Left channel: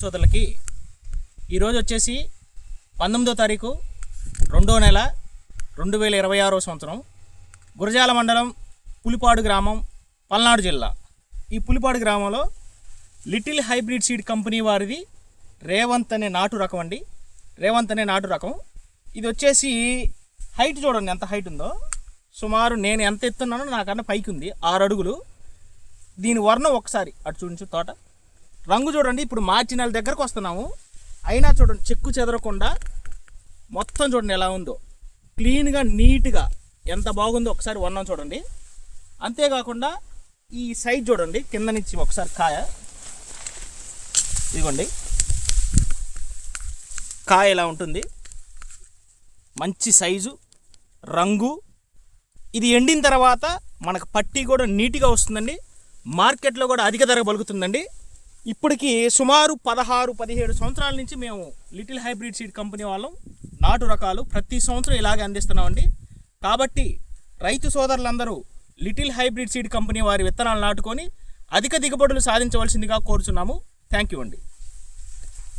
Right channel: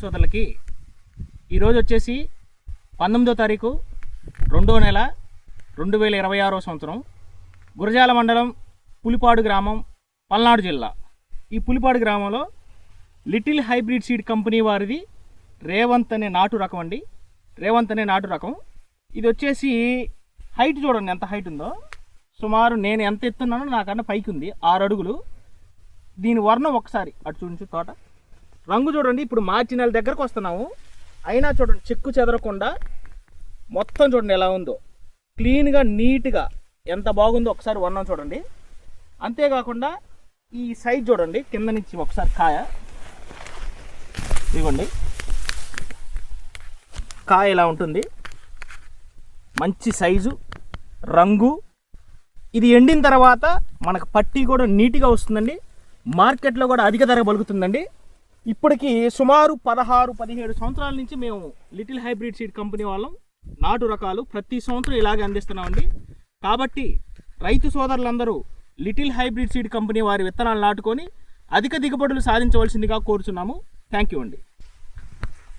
సోదరులకి ఈరోజు వచ్చేసి 19వ తారీఖు 2వ నెల 2026వ సంవత్సరం గురజాల మండలం పులిపాడు గ్రామం పల్నాడు జిల్లా. ఈ పులిపాడు గ్రామంలో లిటిల్ హైబ్రిడ్ సీడ్ కంపెనీ వారిది రేవంత్ అనే నాటు రకం అండి. రేవంత్ అనే నాటు రకం ఇది వచ్చేసి హైట్ చూడండి ఎంత హైట్ ఉందో. సుమారు నేను ఎంత ఎత్తున్నానో నాకన్నా పైకి ఉంది, 6 అడుగులు. దీని వర్ణం ఒకసారి అటు చూడించు, తోట రంగు చూడండి. ఇప్పుడు మార్చి నెల దగ్గరకు వస్తున్నాము, అయినా చూడండి చెక్కు చెదరకుండా మొత్తం చూడండి ఎలా ఉందో, క్లీన్గా నీట్గా ఎంత బాగుందో ఒకసారి వర్ణం చూడండి. అంతేకాకుండా ఈ సైజ్ చూడండి, కింద నుంచి ఒకసారి కాయ ఇదిగోండి, కాయ ఇలా ఉంటుంది, మంచి సైజు రంగు. ఇది ఎండిన తర్వాత మనకు పట్టి కూడా నీట్గా వస్తుందండి. మార్కెట్లో కూడా అధిక ధర పలుకుతుందండి. ఇప్పటికి సుమారు 16-17 సంవత్సరాల నుంచి మేము లిటిల్ హైబ్రిడ్ సీడ్ కంపెనీ వాళ్ళం నాటు రకాలు ప్రతి సంవత్సరం ఇలాగే అందిస్తున్నామండి. కాబట్టి రైతు సోదరులందరూ లిటిల్ హైబ్రిడ్ సీడ్ కంపెనీ వారి విత్తనాలు నాటుకొని అధిక దిగుబడులు సాధించవలసిందిగా కోరుచున్నాము. థ్యాంక్ యూ అండి.